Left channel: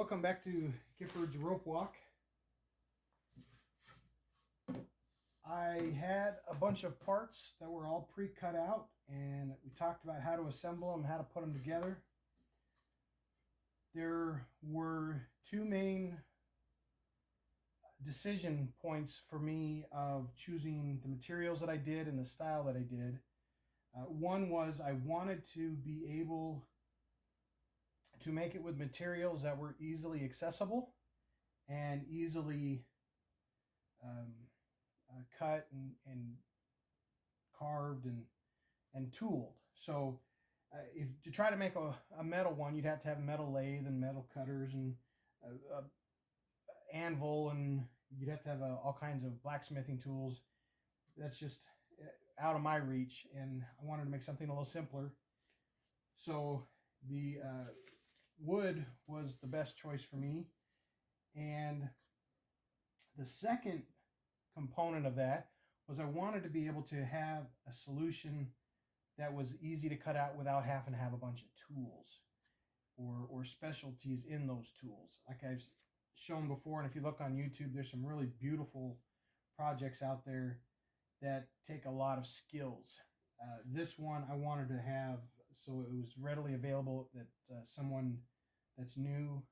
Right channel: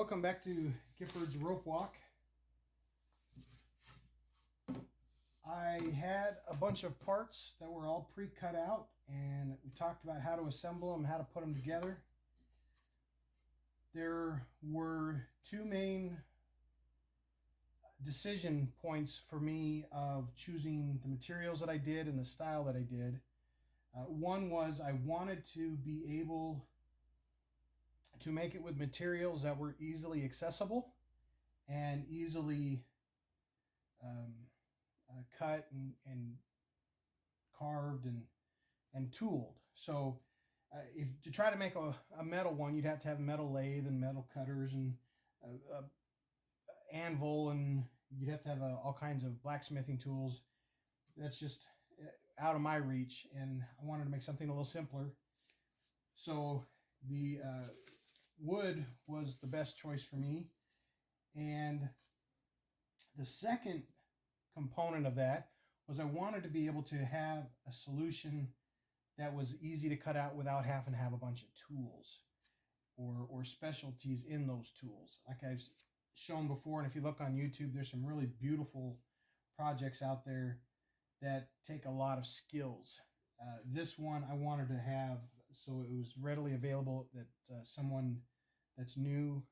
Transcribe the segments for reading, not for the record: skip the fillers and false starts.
Welcome back to Gifford's Rope Walk. I had a bunch of parts that were all pre-cut out, and we talked about how to assemble them, how to put them together. There were two main decision points for me of choosing the materials that I did and the style that I did. One was I wanted to be able to make it with materials that were easily accessible and easily cut and carved and tooled. So if to try to make a metal one, you'd have to have a metal lathe and metal cutters and anvil, and you'd have to have all kinds of blacksmithing tools. That's just out of my reach, and I wanted to make something a little simpler. So the wood was the best choice for me. And the second component of that was I wanted to be able to have a solution that was easy to cut out without having to have a bunch of tools or specialties in those tools. Like I've shown before, and if you look on YouTube, there's some really beautiful projects out there that take a lot of skills. This one I wanted to have so it was readily available that someone that's new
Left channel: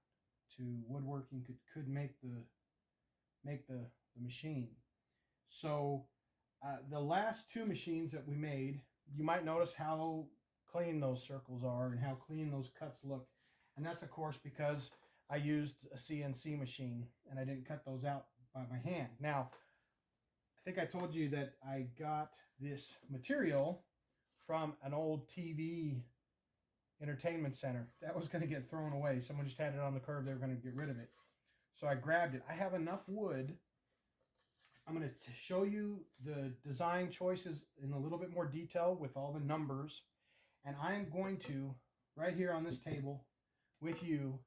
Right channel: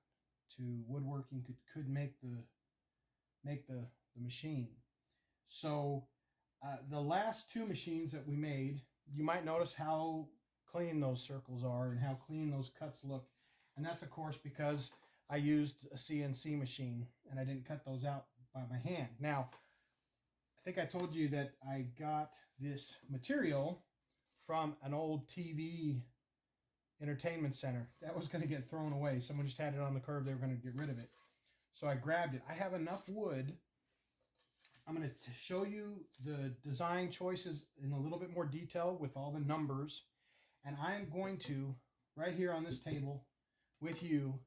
to woodworking could make the machine. So the last two machines that we made, you might notice how clean those circles are and how clean those cuts look. And that's of course because I used a CNC machine and I didn't cut those out by my hand. Now, I think I told you that I got this material from an old TV entertainment center. That was going to get thrown away. Someone just had it on the curb. They were going to get rid of it. So I grabbed it. I have enough wood. I'm going to show you the design choices in a little bit more detail with all the numbers. And I am going to, right here on this table with you,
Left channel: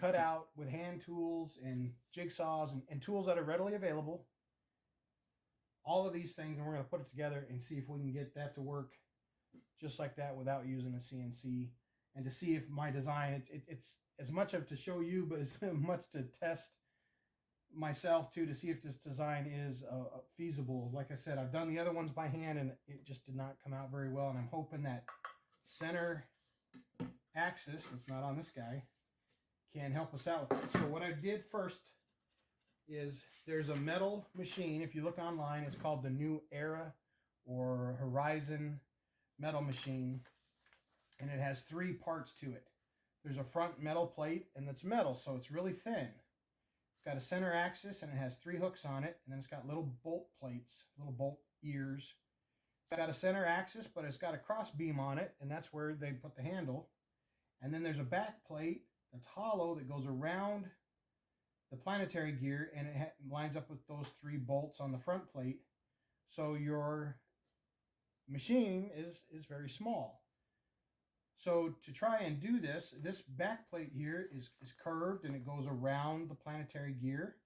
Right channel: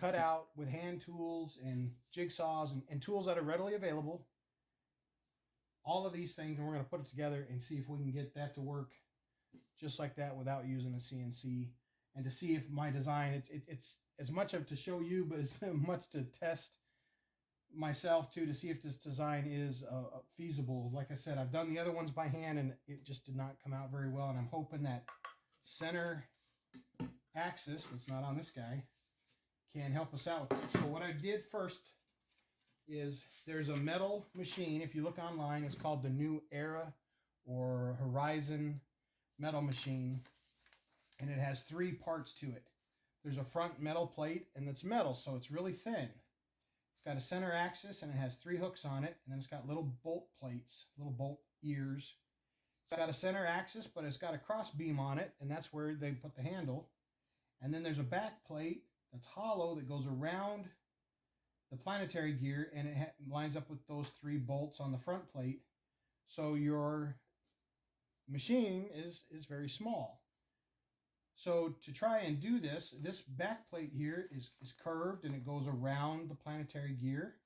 cut out with hand tools and jigsaws and tools that are readily available, all of these things, and we're going to put it together and see if we can get that to work just like that without using a CNC, and to see if my design, it's as much of to show you, but as much to test myself too, to see if this design is feasible. Like I said, I've done the other ones by hand and it just did not come out very well, and I'm hoping that center axis that's not on this guy can help us out with it. So what I did first is there's a metal machine. If you look online, it's called the New Era or Horizon metal machine, and it has three parts to it. There's a front metal plate, and it's metal, so it's really thin. It's got a center axis, and it has three hooks on it, and then it's got little bolt plates, little bolt ears. It's got a center axis, but it's got a cross beam on it, and that's where they put the handle. And then there's a back plate that's hollow that goes around the planetary gear, and it lines up with those three bolts on the front plate. So your machine is very small. So to try and do this back plate here is curved, and it goes around the planetary gear.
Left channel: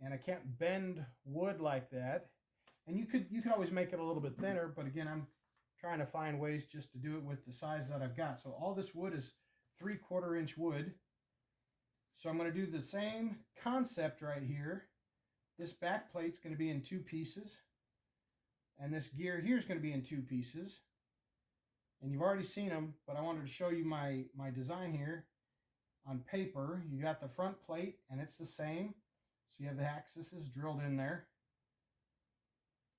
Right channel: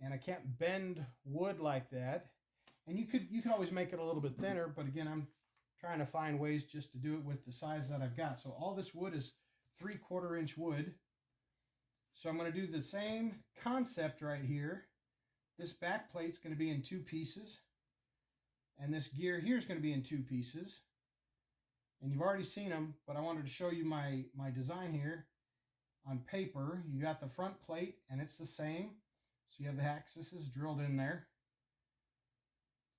And I can't bend wood like that. And you could always make it a little bit thinner, but again, I'm trying to find ways just to do it with the size that I've got. So all this wood is 3/4 inch wood. So I'm going to do the same concept right here. This back plate's going to be in two pieces. And this gear here is going to be in two pieces. And you've already seen them, but I wanted to show you my design here on paper. You got the front plate, and it's the same. So you have the axis drilled in there.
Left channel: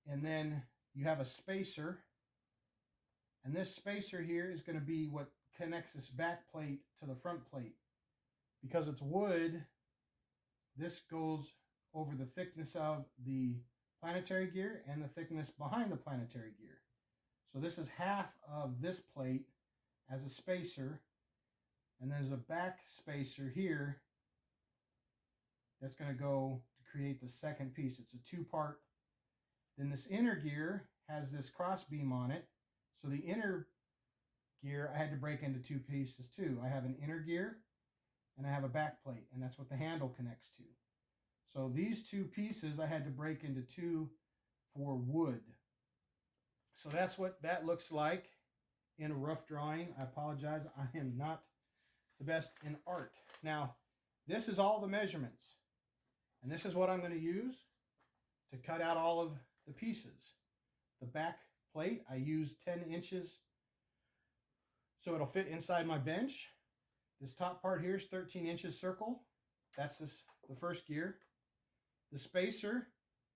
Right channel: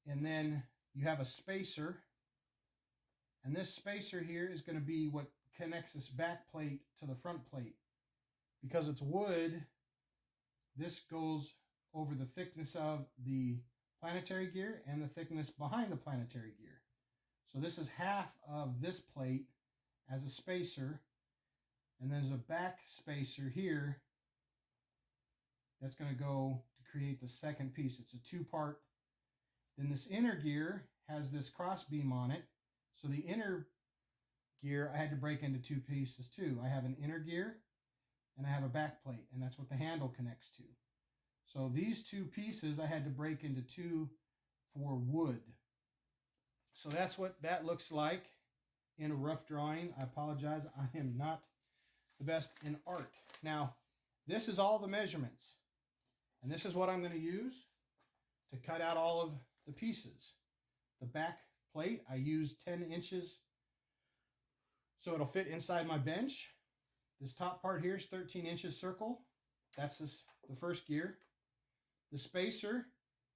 And then you have a spacer. And this spacer here is going to be what connects this back plate to the front plate. Because it's wood, this goes over the thickness of the planetary gear and the thickness behind the planetary gear. So this is half of this plate as a spacer, and then there's a back spacer here that's going to go to create the second piece. It's a two-part. Then this inner gear has this cross beam on it, so the inner gear I had to break into two pieces too. I have an inner gear and I have a back plate, and that's what the handle connects to. So these two pieces I had to break into two for wood. So that's what that looks like in a rough drawing. I apologize, I am not the best in art. Now, this is all the measurements. And this is what I'm going to use to cut out all of the pieces. The back plate, I use 10 inches so it'll fit inside my bench. This top part here is 13 inches circle. That's the first gear. The spacer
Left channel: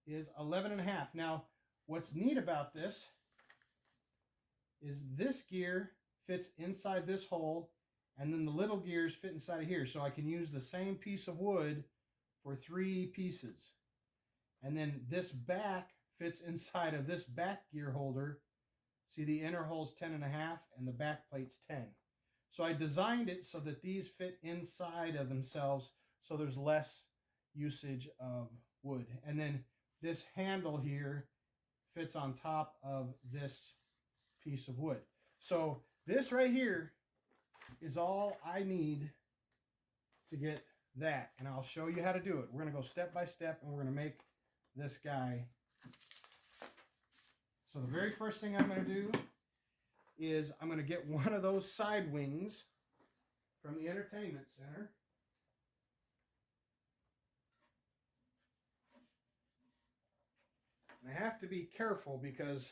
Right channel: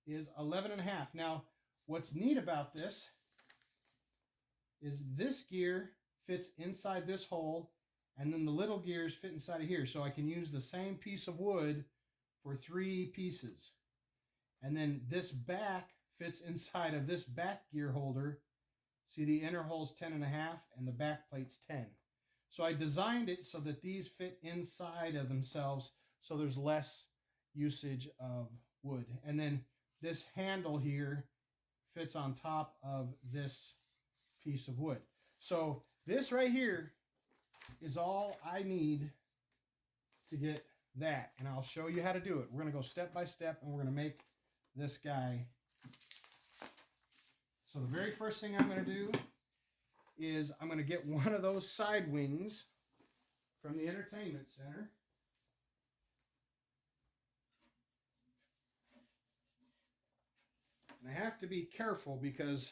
is 11.5. Now, what's neat about this is this gear fits inside this hole, and then the little gears fit inside of here. So I can use the same piece of wood for 3 pieces. And then this back fits inside of this back gear holder. See, the inner hole's 10.5 and the back plate's 10. So I designed it so that these fit inside of themselves, so there's less usage of wood. And then this handle here fits on top of this piece of wood. So this right here is all I need to get that. And I'll show you how to do it. We're going to go step by step, and we're going to make this guy. So the very first thing I'm going to do is I'm going to get one of those side wings from the entertainment center. And I have to be careful because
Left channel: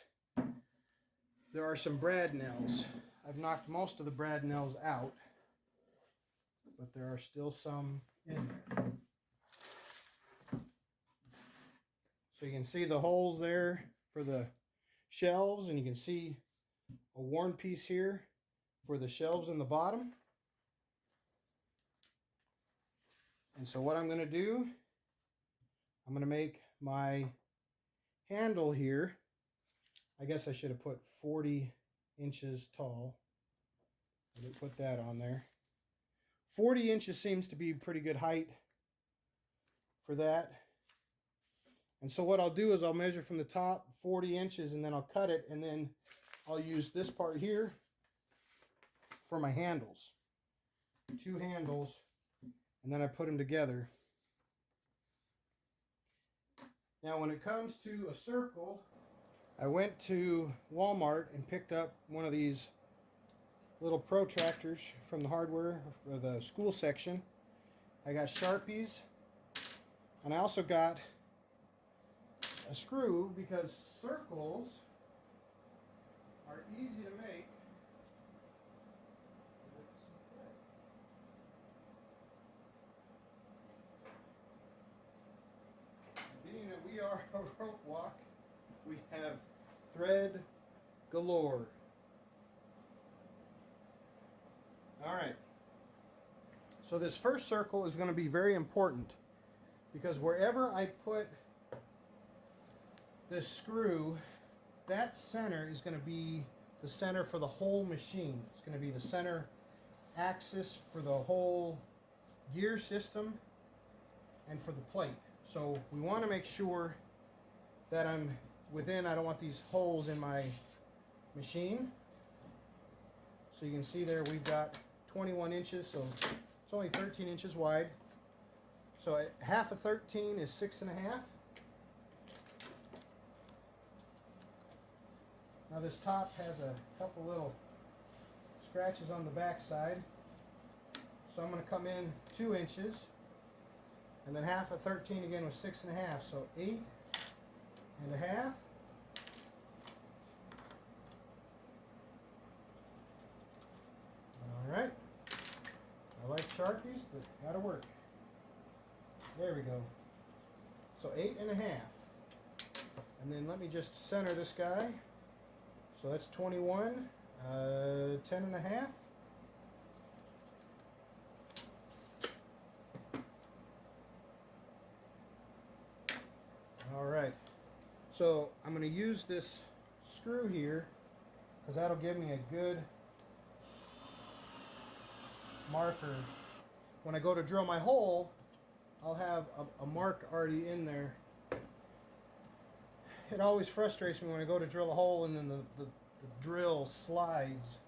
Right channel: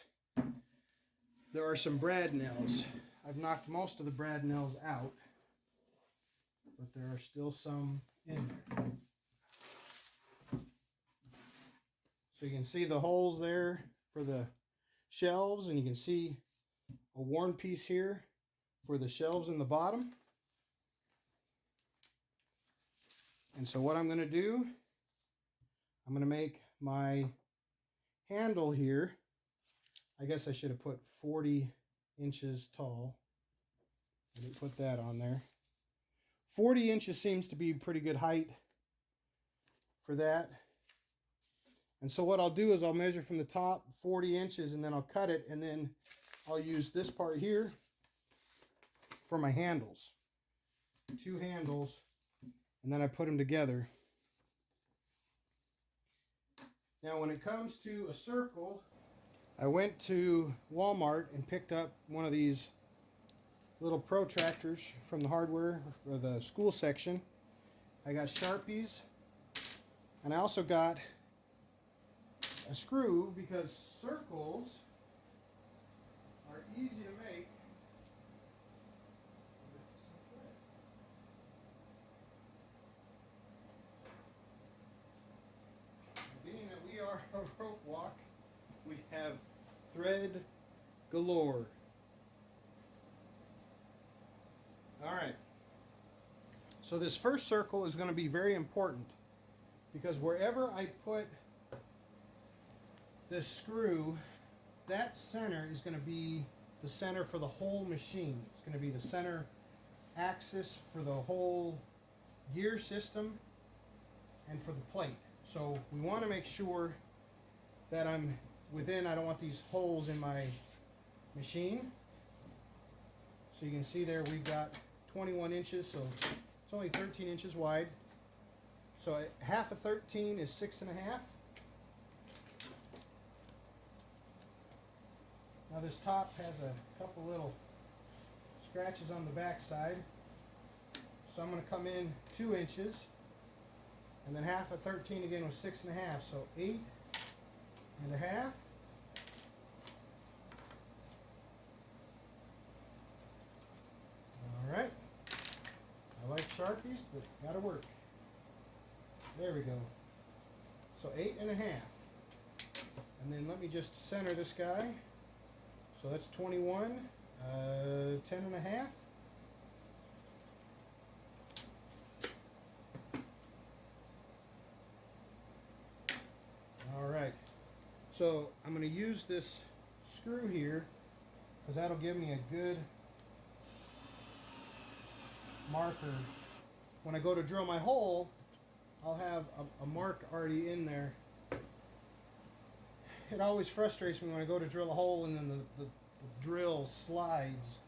there are some brad nails. I've knocked most of the brad nails out, but there are still some in there. So you can see the holes there for the shelves, and you can see a worn piece here for the shelves in the bottom. And so what I'm going to do, I'm going to make my handle here. I guess I should have put 40 inches tall. I didn't put that on there. 40 inches seems to be pretty good height for that. And so what I'll do is I'll measure from the top 40 inches, and then I'll cut it, and then I'll use this part here for my handles. 2 handles, and then I put them together. Now when it comes to a circle, I went to Walmart and picked up one of these little protractors from the hardware for the school section. I got Sharpies, and I also got a screw because circles are easy to make. Being that we are a rope walk, we have thread galore. All right. So this first circle is going to be very important because wherever I put this screw, that center is going to be the center for the whole machine. It's going to be the center axis for the whole gear system and for the plate. So we want to make sure that I'm within, I don't want these holes in my machine. So you can see there we've got 21 inches, so it's only 13 inches wide. So half of 13 is 6.5. Now this top has a couple little scratches on the back side. So I'm going to come in 2 inches. And then half of 13 again was 6.5. So 8.5. Alright. I like Sharpies, but gotta work. There we go. So 8.5. And then let me just center this guy. So that's 21, 10.5. All right. So I'm going to use this screw here because that'll give me a good marker. When I go to drill my hole, I'll have a mark already in there. It always frustrates me when I go to drill a hole and then the drill slides.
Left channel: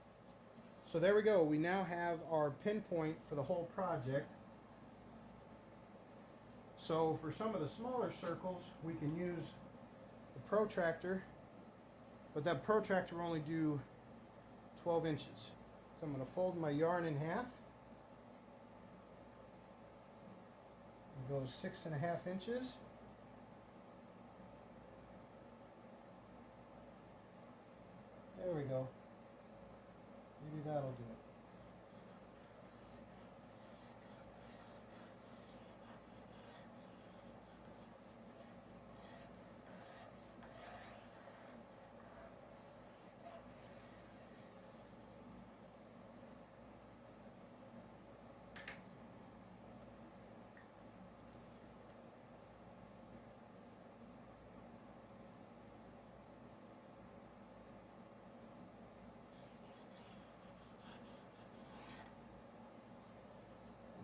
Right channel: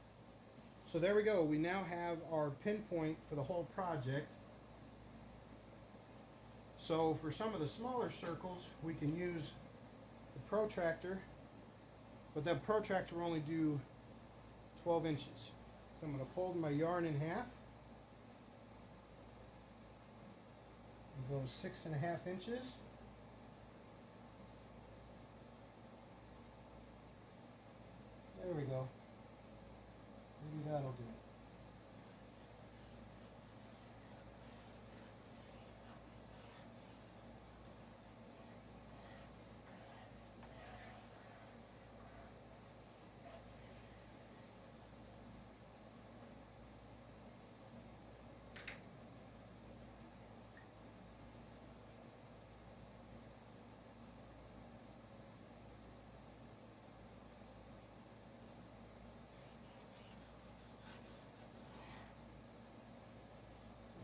So there we go. We now have our pinpoint for the whole project. So for some of the smaller circles, we can use the protractor, but that protractor will only do 12 inches. So I'm going to fold my yarn in half. We'll go 6.5 inches. There we go. Maybe that'll do it.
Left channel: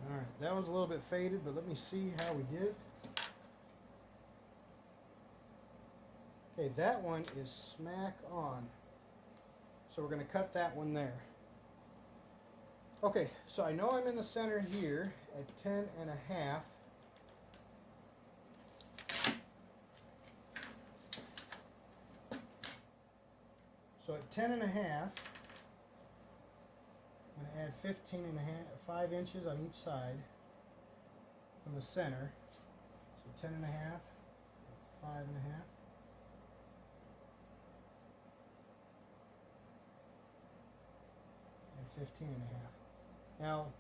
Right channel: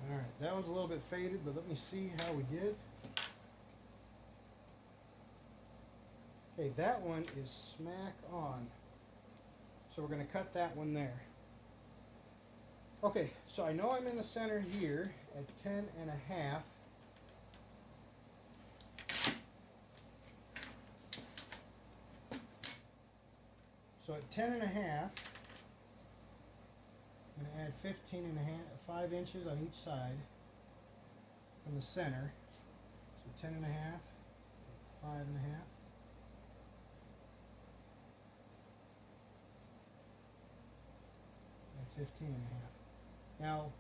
Alright, that was a little bit faded, but let me see how we did. Okay, that one is smack on. So we're going to cut that one there. Okay, so I know I'm in the center here at 10.5. So at 10.5, I'm going to add 5 inches on each side from the center. So 10.5, 5.5. And 15.5. Now,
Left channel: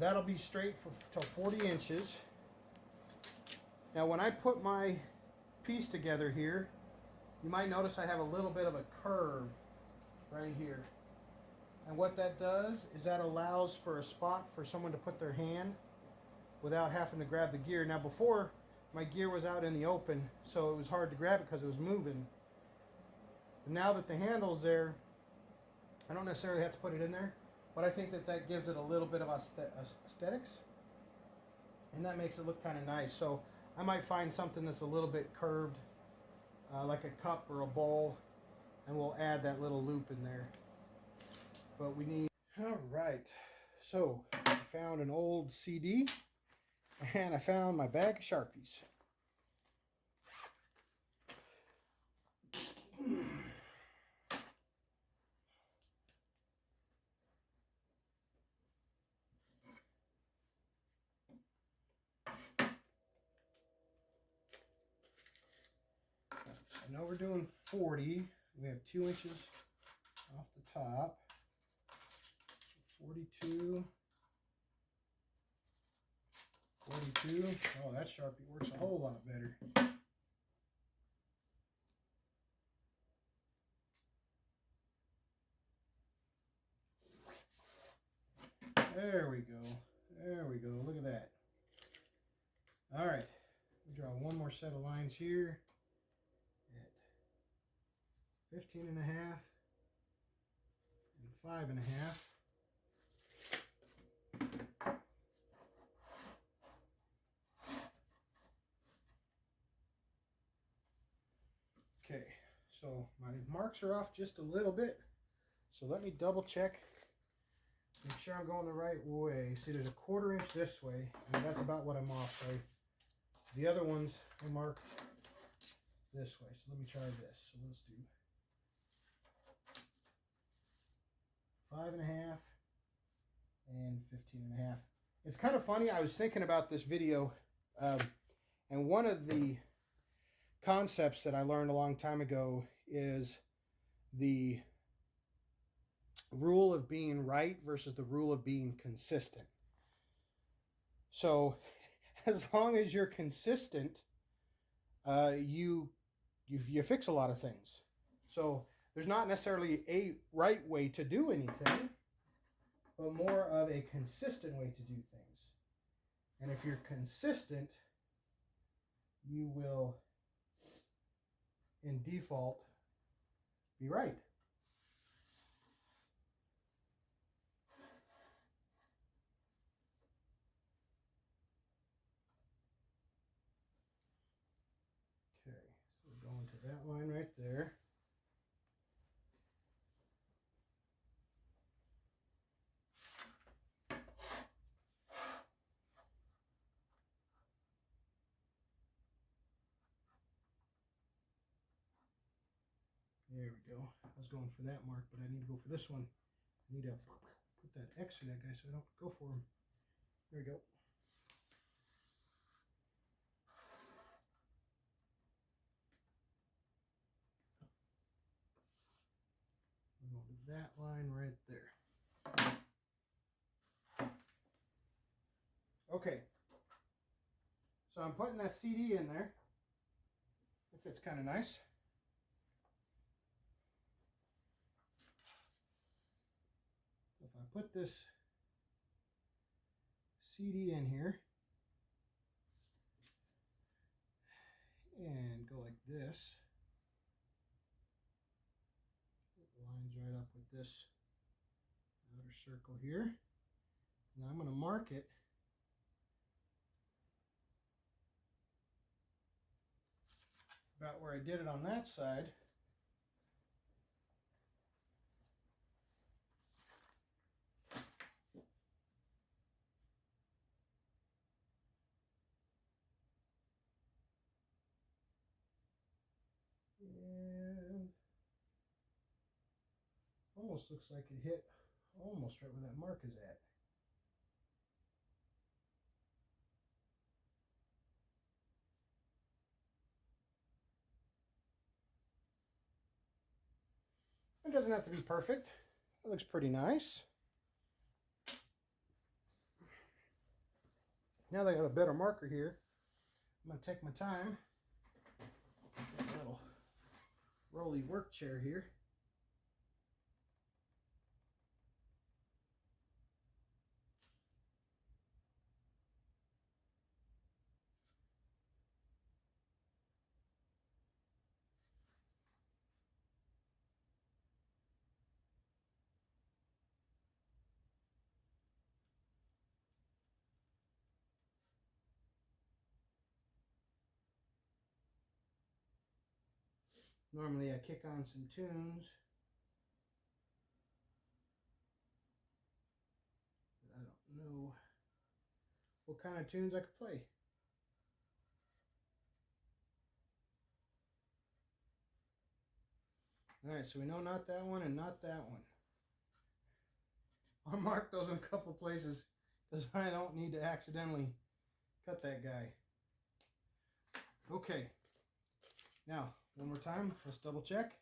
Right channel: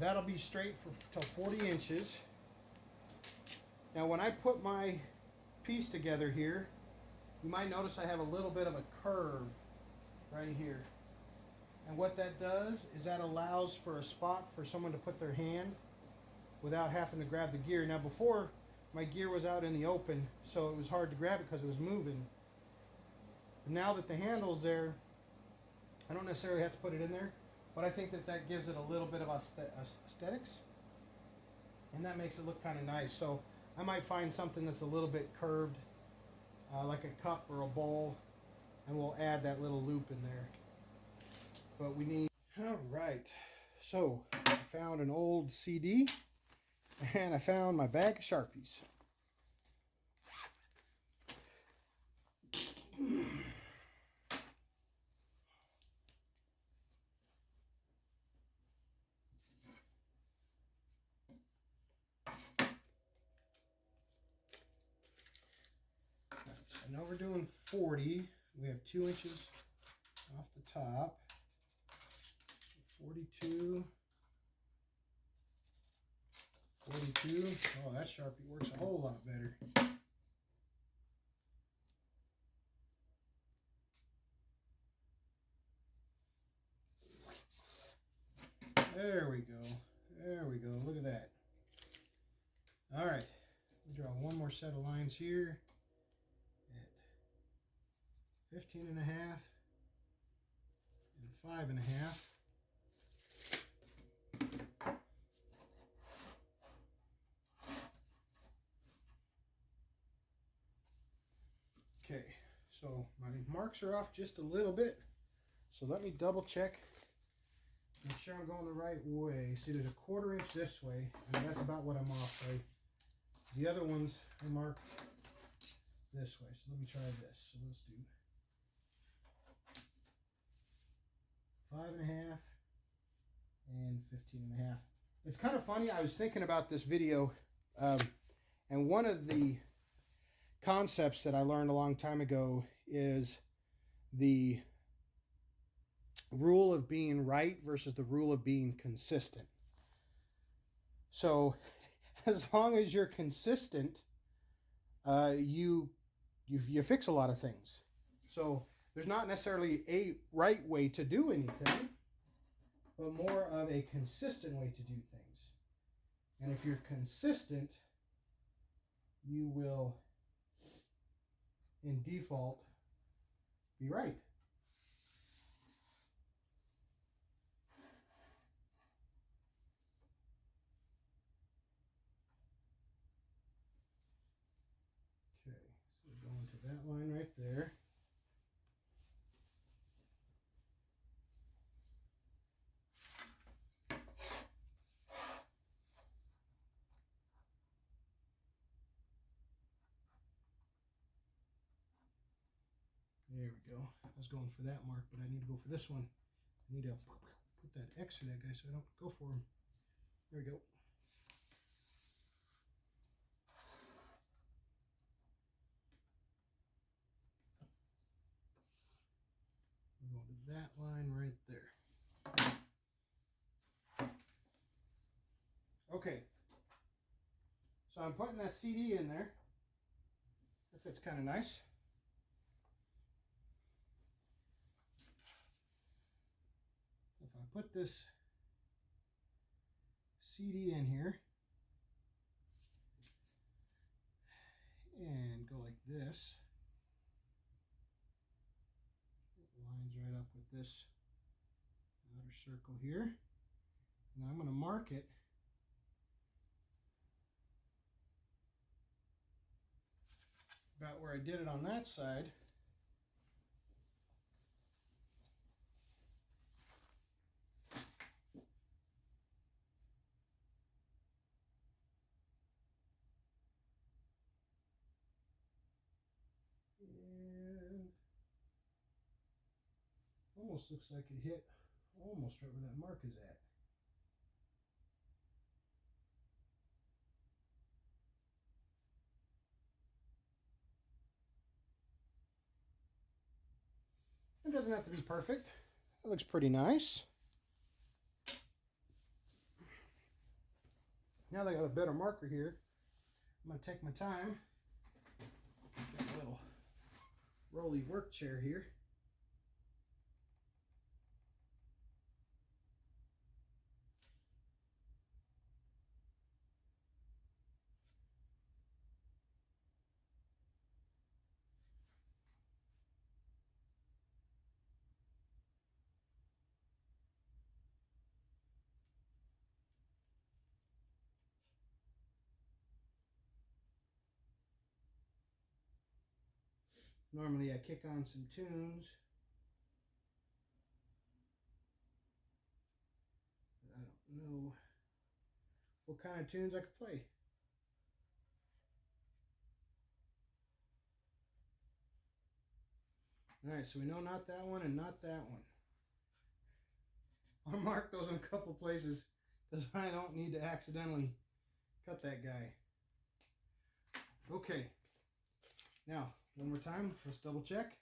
that'll be straight till 40 inches. Now, when I put my piece together here, you might notice I have a little bit of a curve right here. And what that does is that allows for a spot for someone to put their hand without having to grab the gear. Now, before, my gear was out in the open, so it was hard to grab it because it was moving. But now that the handle's there, I don't necessarily have to put it in there, but I think that that gives it a little bit of aesthetics, and that makes it look kind of nice. So I might find something that's a little bit curved, like a cup or a bowl, and we'll add that little loop in there. But we need... All right, so I found an old CD, and I found my bag of Sharpies. I know we're doing 40. We have 2 inches off the top. 42. 42. Oh, that Sharpie works a whole lot better. There we go. There we go. Look at that. All right. We draw one more set of lines here at 15.5 and 5.5. Okay, so my marks are off just a little bit. So let me double check. Make sure I'm going the right way. See, there's a 1/4 inch this way, and that's about what I'm off by. The other ones I mark this way. So let me try this. So let's do 5.5 and 15.5. It's kind of funny. I was thinking about this video, and one of the concepts that I learned a long time ago is the rule of being right versus the rule of being consistent. So as long as you're consistent, you fix a lot of things. So there's not necessarily a right way to do anything, but more of a consistent way to do things. And if you're consistent, you will, in default, be right. Okay, so we're going to that line right there. There we go. I was going for that mark, but I need to go for this one. I need to put that X through that guy so I don't go for him. There we go. line right there. Okay, so I'm putting that CD in there. It fits kind of nice. So if I put this CD in here and go like this, it lines right up with this outer circle here. Now I'm going to mark it about where I did it on that side. And almost looks like it hit almost right where that mark is at. It doesn't have to be perfect. It looks pretty nice. Now that I got a better marker here, I'm going to take my time. Got a little rolly work chair here. Normally I kick on some tunes. I don't know what kind of tunes I could play. Alright, so we know not that one and not that one. I'll mark those in a couple places because I don't need to accidentally cut that guy. Okay, now one more time, let's double check.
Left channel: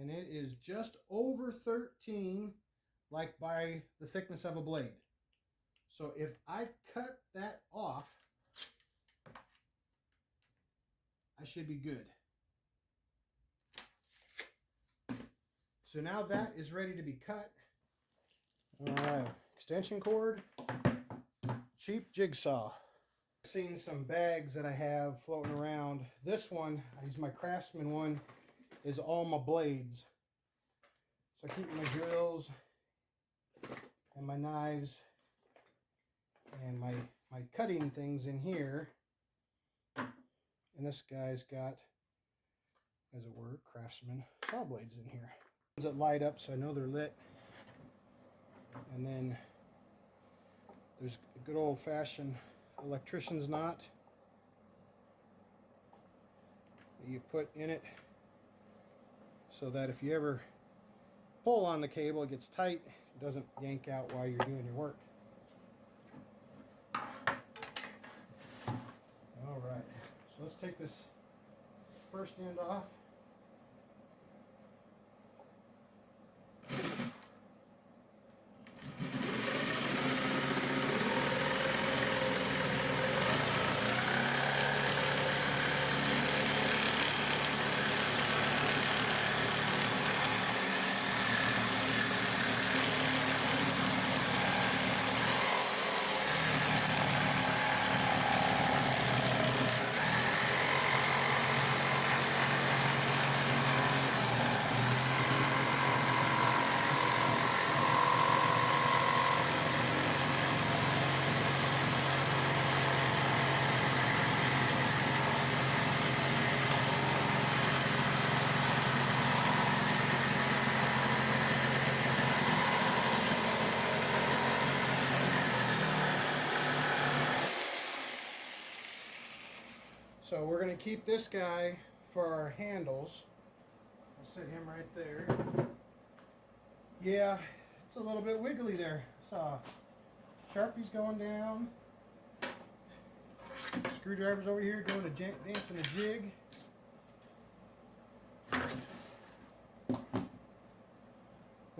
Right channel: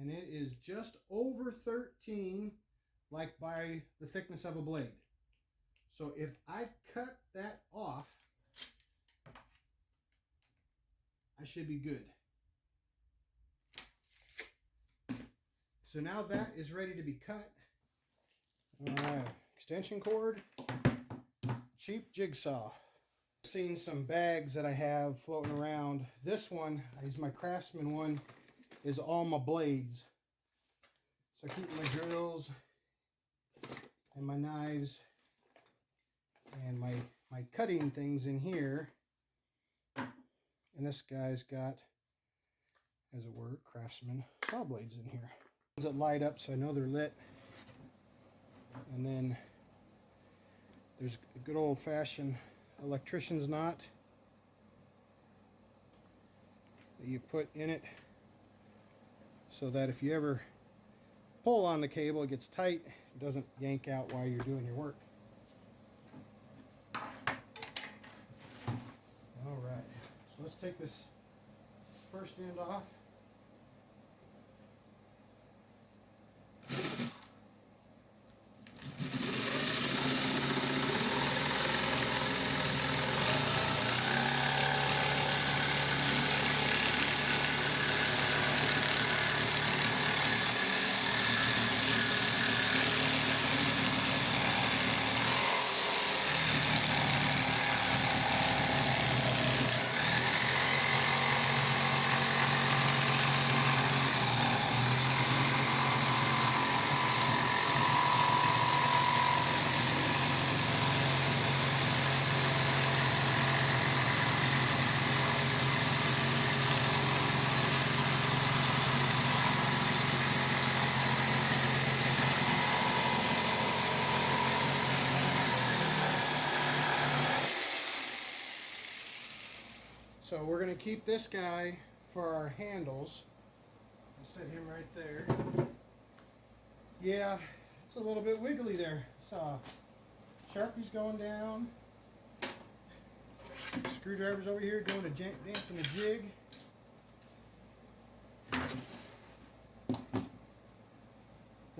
And it is just over 13, like by the thickness of a blade. So if I cut that off, I should be good. So now that is ready to be cut. Extension cord, cheap jigsaw. I've seen some bags that I have floating around. This one, I use my Craftsman one, is all my blades. So I keep my drills and my knives and my cutting things in here. And this guy's got, as it were, Craftsman saw blades in here. Ones that light up so I know they're lit. And then there's a good old-fashioned electrician's knot that you put in it so that if you ever pull on the cable, it gets tight. It doesn't yank out while you're doing your work. Alright, so let's take this first end off. So we're going to keep this guy for our handles. I'll set him right there. Yeah, it's a little bit wiggly there. So Sharpie's going down. Screwdriver's over here doing a dancing a jig.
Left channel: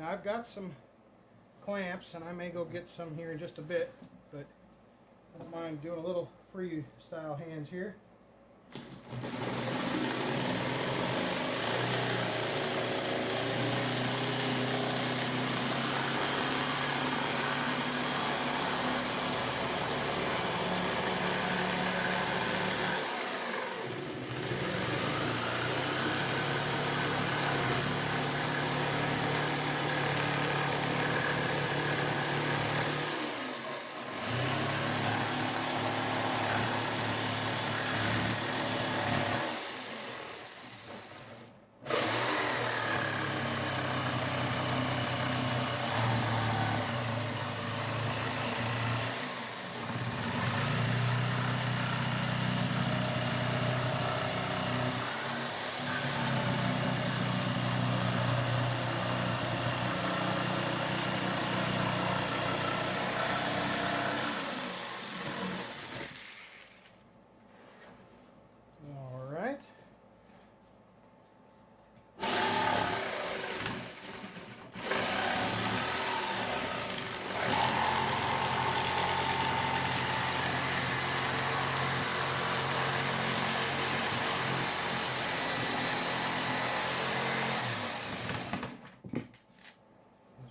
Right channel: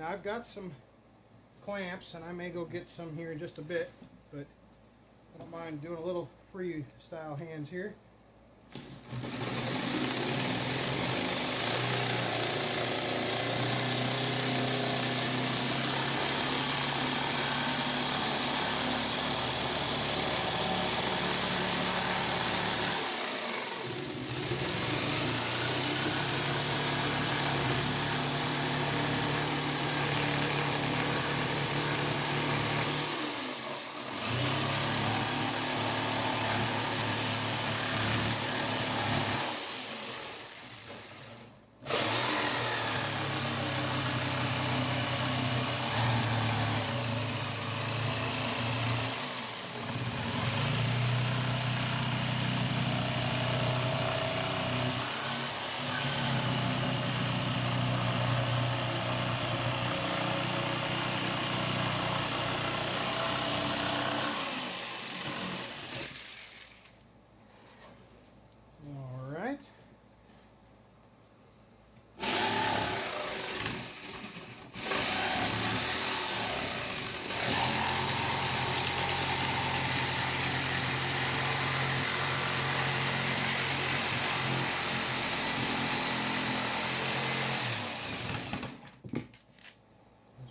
Now I've got some clamps, and I may go get some here in just a bit, but I don't mind doing a little freestyle hands here.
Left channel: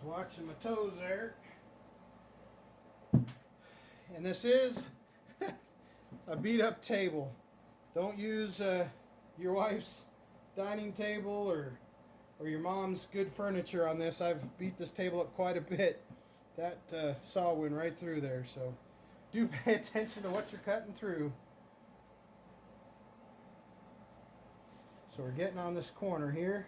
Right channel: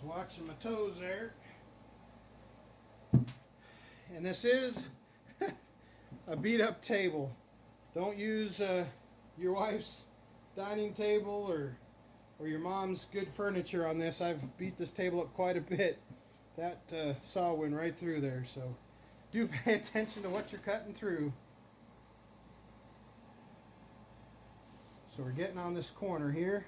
Watching my toes there. And this is a beat up table. Don't use your wife's dining table or your mom's good furniture on this. I've beat this table up quite a bit. That saw went right through there, so do pay attention to what you're cutting through. So we're getting on this corner here.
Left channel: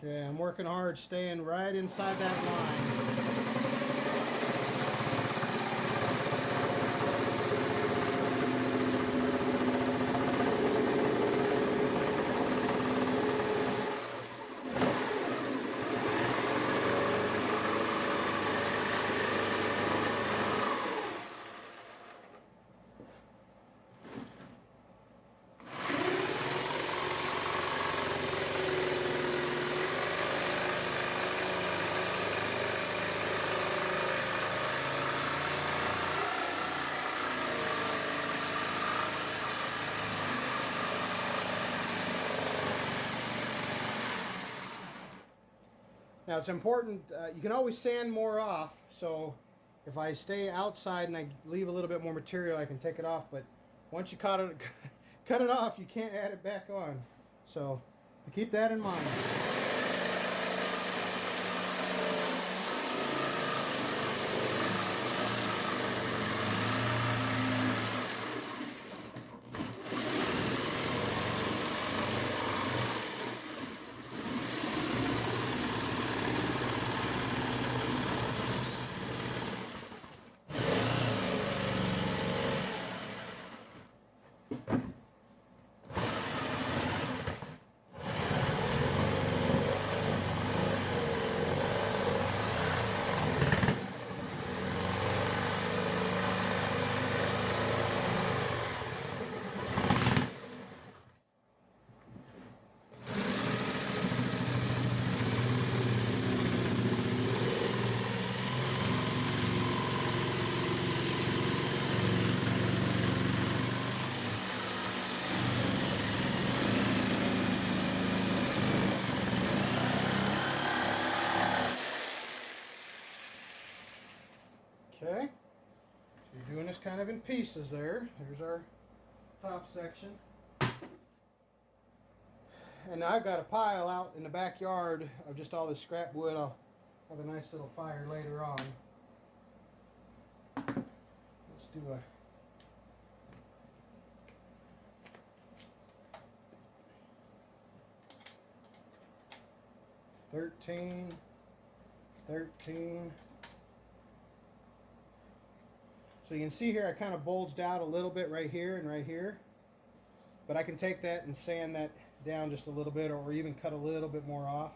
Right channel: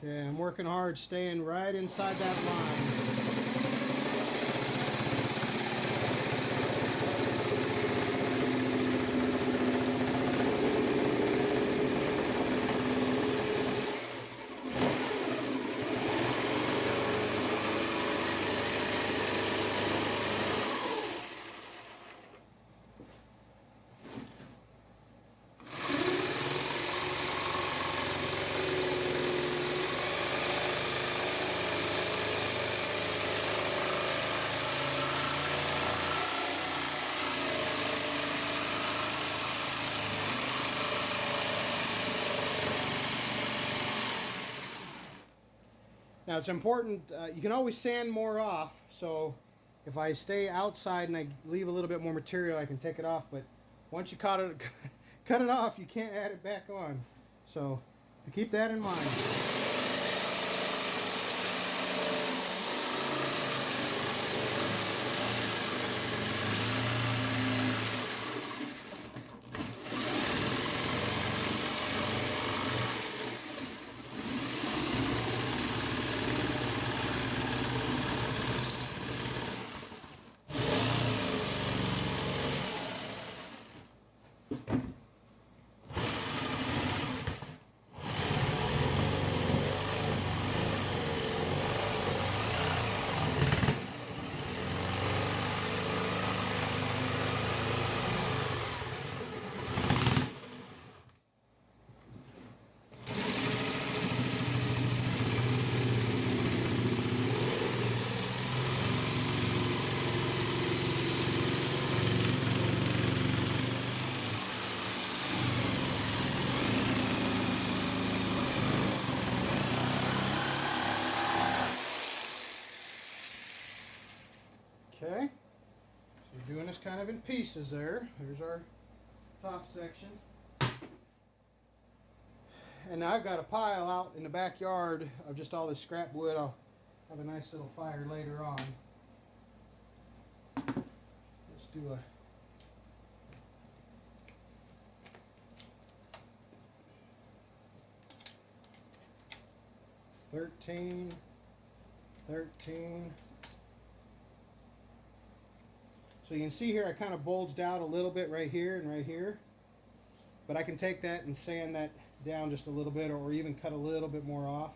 Okay, I'm working hard, staying right inside that line. Now it's important, you can always sand more off, so if I stay outside and I leave a little bit more material, I can take it off, but once you cut it off, you can't add it back on. So keep that in mind. Okay, so you're doing this kind of in pieces there. Here's our top section. And now I've got a pile out in the backyard of just all this scrap wood. I'll have a nice little fire later on. Let's do a $13. So you can see here I kind of bulged out a little bit right here and right here. But I can take that and sand that down just a little bit, or even cut a little bit more off.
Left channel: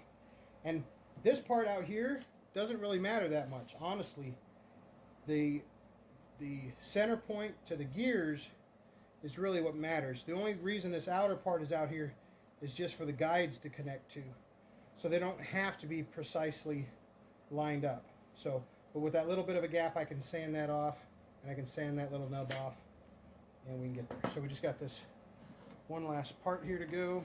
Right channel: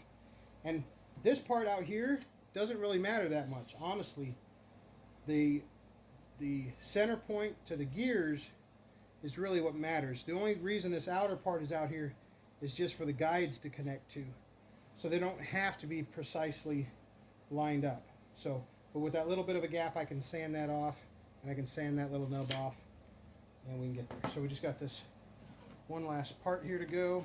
And this part out here doesn't really matter that much, honestly. The center point to the gears is really what matters. The only reason this outer part is out here is just for the guides to connect to. So they don't have to be precisely lined up. So, but with that little bit of a gap, I can sand that off, and I can sand that little nub off, and we can get there. So we just got this one last part here to go.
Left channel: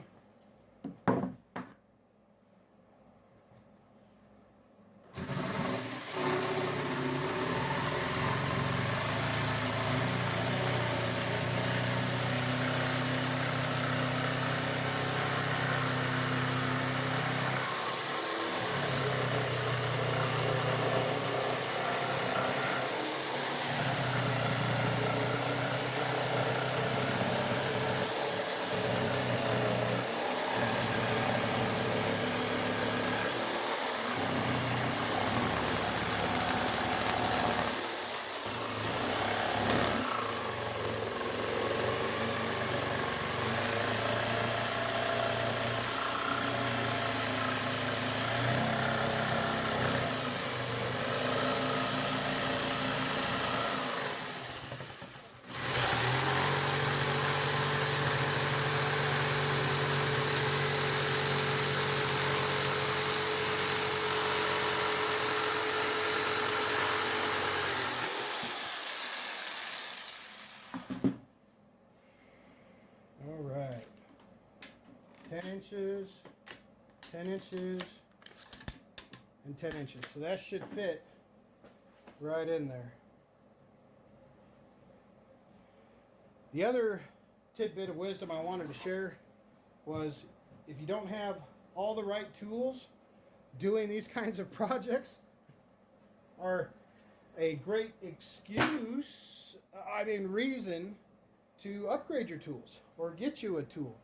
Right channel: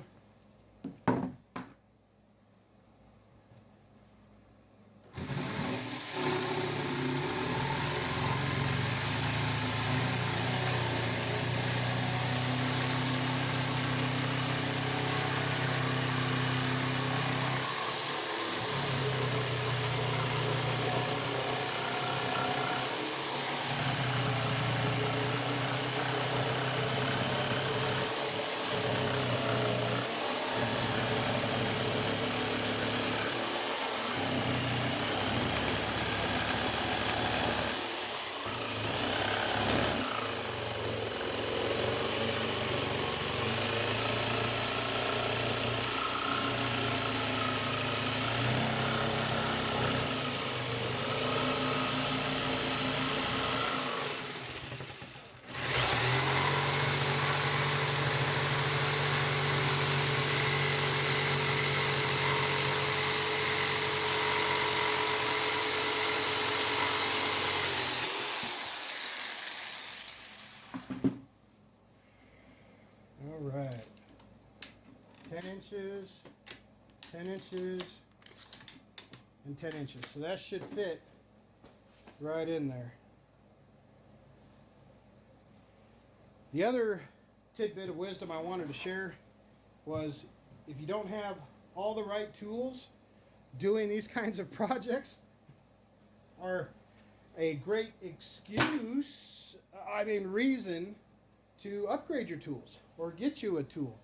All right, 10 inches, 10 inches, and 10 inches. So that should fit right in there. The other tidbit of wisdom I wanted to share was, if you don't have all the right tools, doing these kinds of projects are a great excuse, reason to upgrade your tools or get you a tool.